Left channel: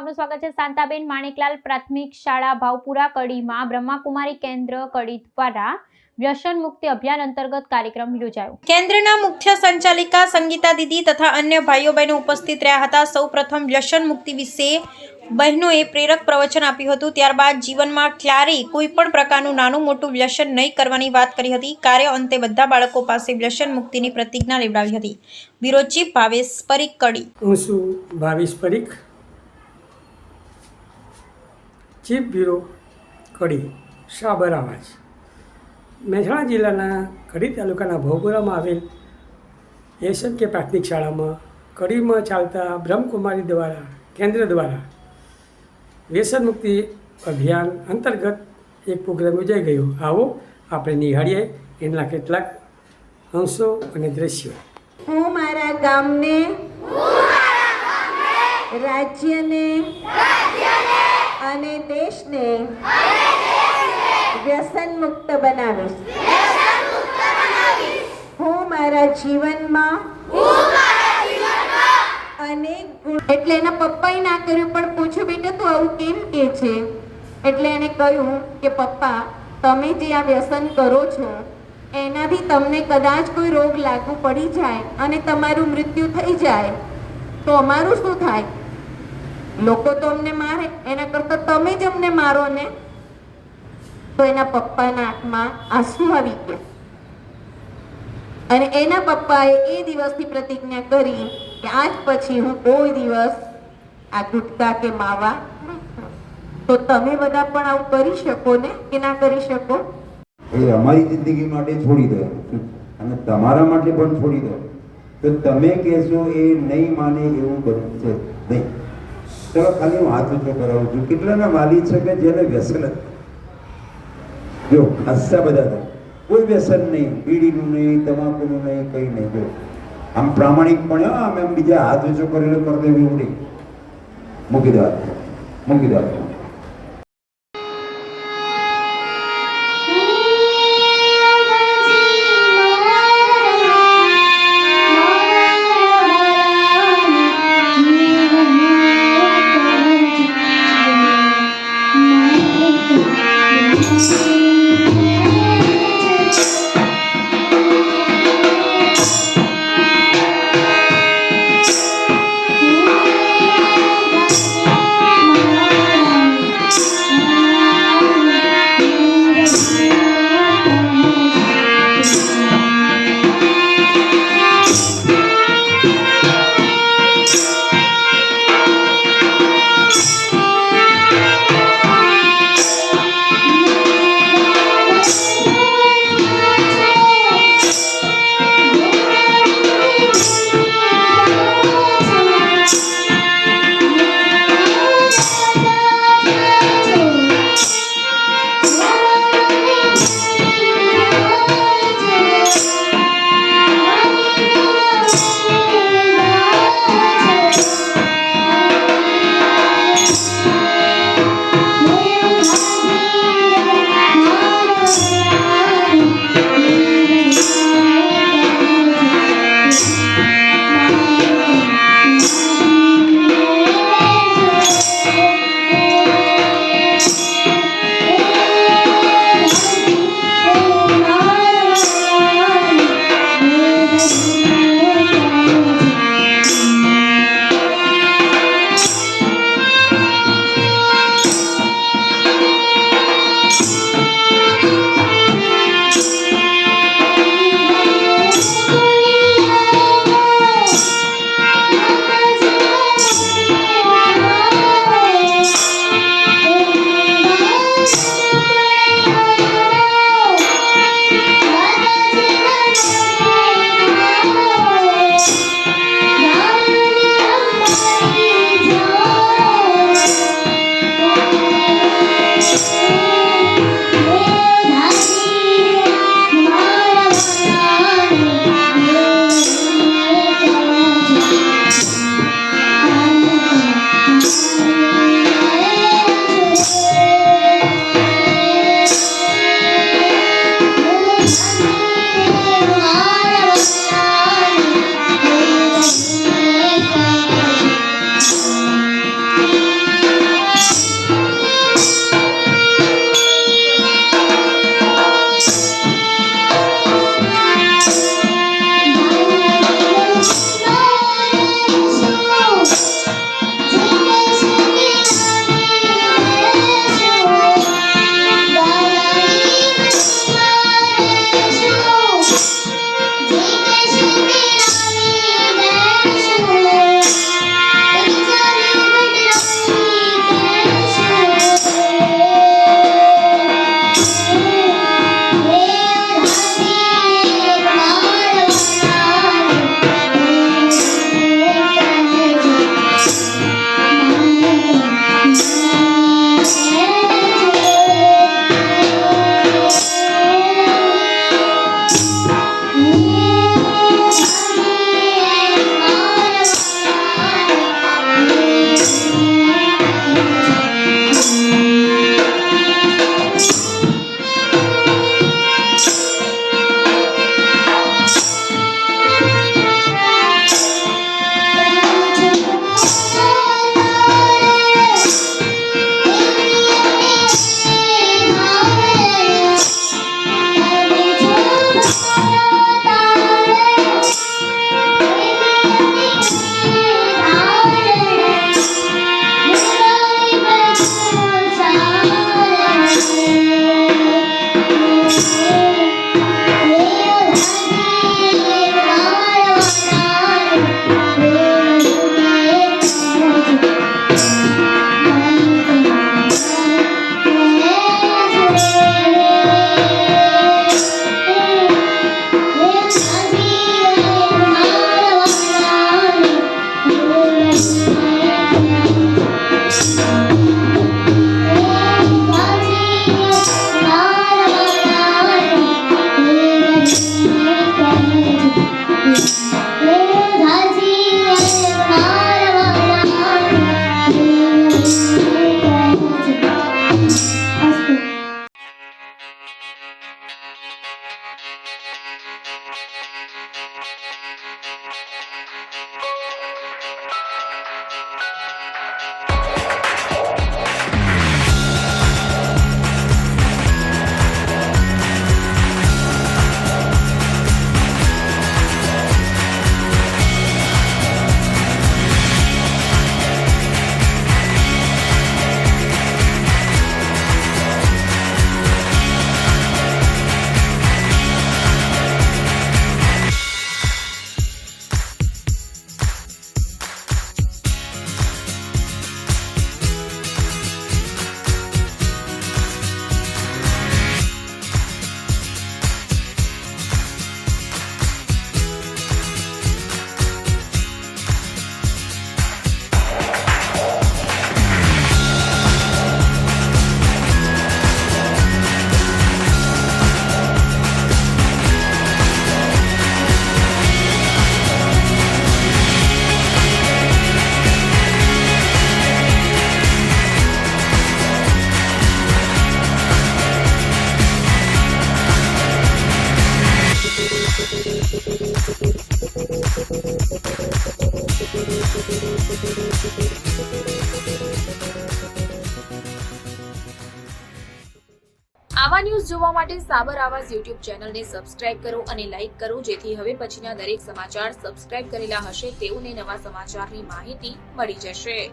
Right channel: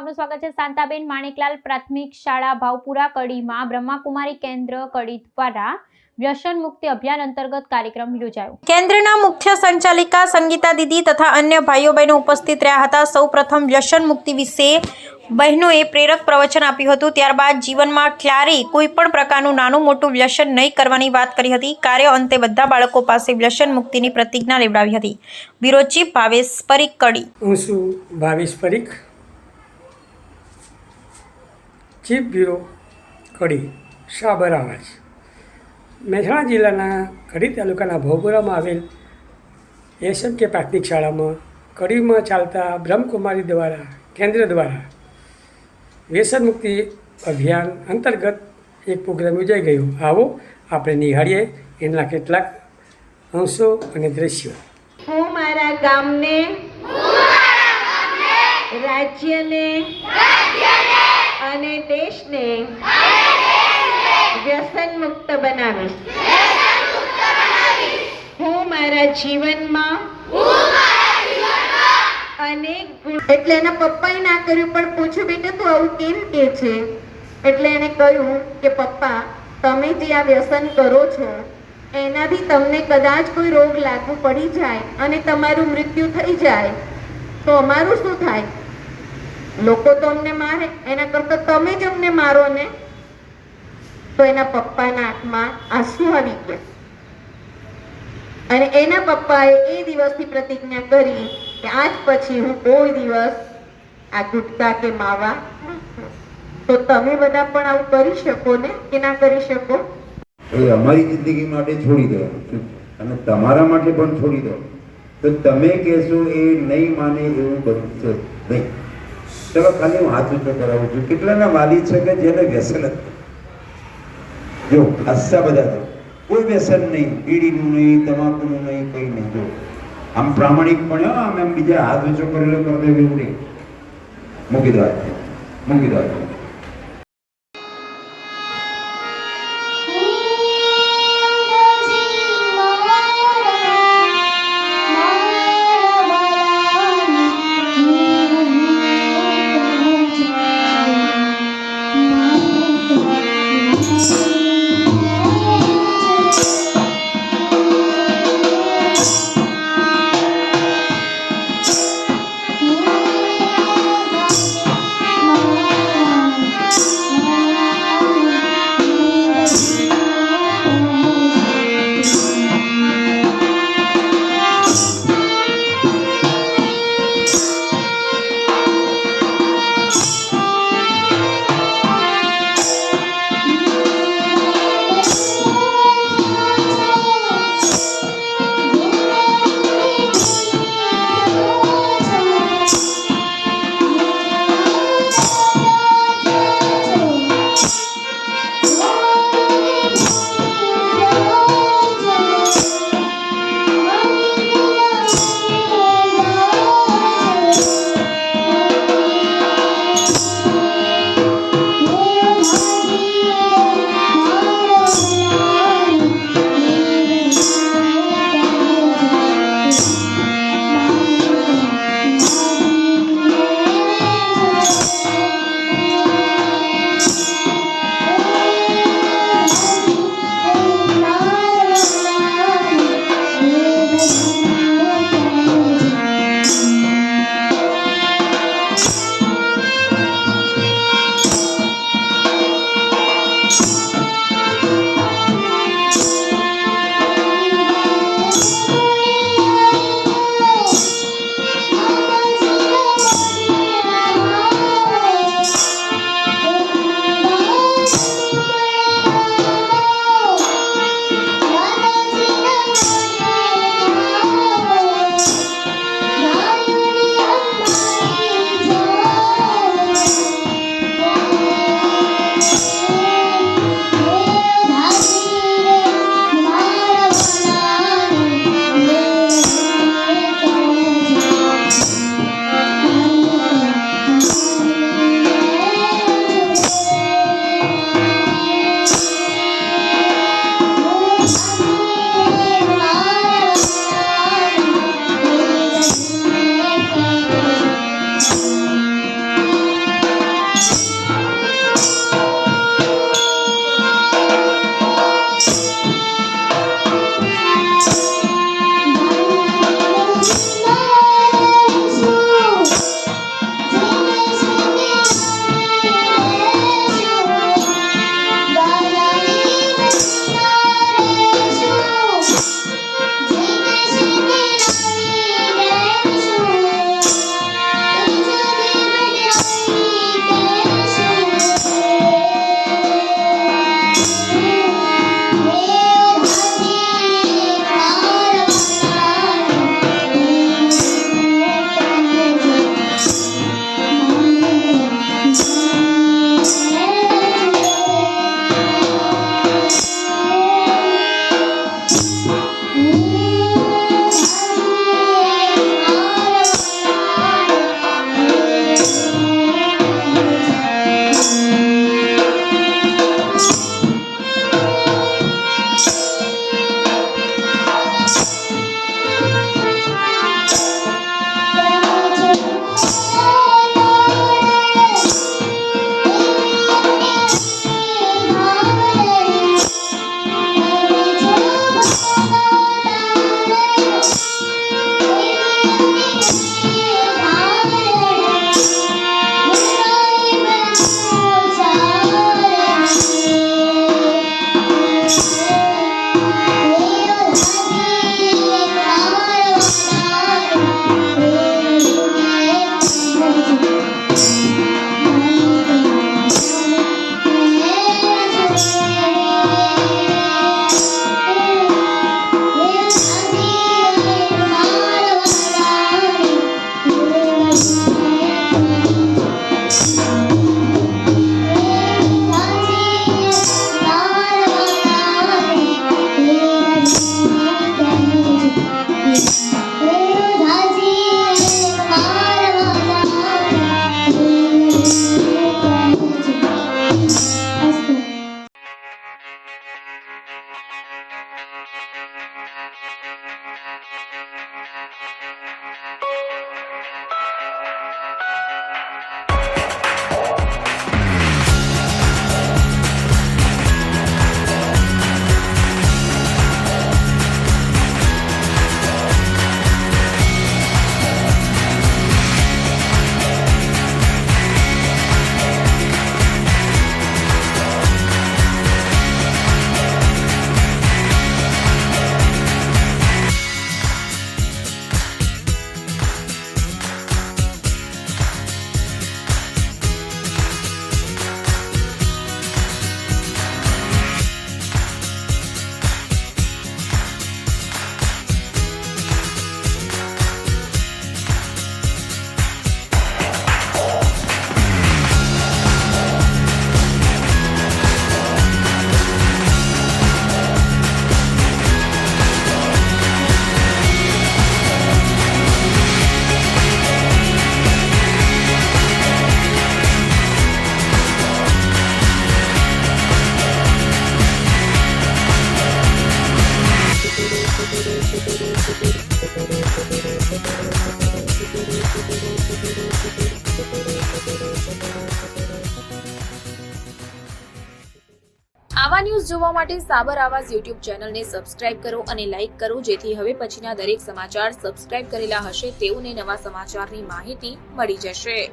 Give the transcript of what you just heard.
આપનું સ્વાગત છે। શાંતાબેન માણેકલાલ પ્રાથમિક શાળા ભાવપુરા કડીમાં બ્રહ્માકુમારી કેન્દ્ર કડી દ્વારા વ્યસન મુક્તિ અભિયાન અંતર્ગત કાર્યક્રમ યોજાયો। કેન્દ્રના મુખ્ય સંચાલિકા સંગીતા દીદી તથા અન્ય ભાઈઓ બહેનો ઉપસ્થિત રહ્યા હતા। સૌપ્રથમ વ્યસન મુક્તિ વિશે બહેનોએ પ્રેરક પ્રવચન આપ્યું હતું। ત્યારબાદ જીવનમાં ક્યારેય કોઈ પણ પ્રકારનું નાનું મોટું વ્યસન નહીં કરવાની વાત કરી હતી। કાર્ય અંતે બધા બાળકો પાસે વ્યસન મુક્તિની પ્રતિજ્ઞા લેવડાવી હતી। બ્યુરો ચીફ ભાવેશ પરીખ કડી। હું છું ભાવેશ પરીખ, ચીફ બ્યુરો કડી સાબર આવાજ। મહેસાણા જિલ્લાના કડી તાલુકાના ભાવપુરામાં આવેલ એસએમકે પ્રાથમિક શાળામાં કડીમાં ચાલતા બ્રહ્મકુમારી દ્વારા કેન્દ્ર દ્વારા વ્યસન મુક્તિ અભિયાન અંતર્ગત એક પ્રોગ્રામ યોજાઈ ગયો। આવો આપણે નિહાળીએ એના કેટલાક અંશો અને દ્રશ્યો। હું મારા ગામને, રાજ્યને અને દેશને વ્યસન મુક્ત બનાવીશ। હું મારા જીવનમાં અનેક ગુણ એટલે એના પપ્પાએ ના કર્યું પણ પૂછ્યું બેટા તું આવું કેમ કે છે? એટલે એને કહ્યું કે પપ્પા તમે જે આ વ્યસન કરો છો એનાથી તમને કદાચ કોઈ રોગ લાગુ પડી જાય અને તમારું મૃત્યુ થઈ જાય તો અમારું શું થાય? લોકો તો અમને મારે, એના કરતાં તમે જ અમને મારો ને। તો એના પપ્પાના આંખમાં આંસુ આવી ગયા અને એના પપ્પાએ એ દિવસથી પ્રતિજ્ઞા કરી કે આજ પછી હું કોઈ દિવસ આ ગુટકા કે માવા નહીં ખાઉં। તો તમે બધા પણ આવું કરી શકો ને કે ના કરી શકો? એ અમારી જિંદગી માટે છોડી દો અને તમારા માટે પણ છોડી દો તો તમે કહેશો એ નહીં માને એવું બનશે નહીં। ચલો ખાલી હું હાથ ઊંચો કરાવું છું। કેટલાના વાલી છે કે જેને વ્યસન હતું? જો હસતા બધા કોઈ વ્યસન નહીં, બીડીનું નહીં, તમાકુનું નહીં, કંઈ નહીં। જો આમ પ્રામાણિક પણ આમ એમ બીજા હાથ ઊંચો કરેલો કરી દેવું એવું નહીં। મૂકી દો, મૂકી દો। આવા ન્યૂઝ જોવા માટે સાબર આવાઝ યુટ્યુબ ચેનલને સબસ્ક્રાઇબ કરો અને લાઇક કરો, જેથી હવે પછીના દરેક સમાચાર સબસ્ક્રાઇબ કરેલા હશે તેઓને નવા સમાચારની માહિતી મળી જશે.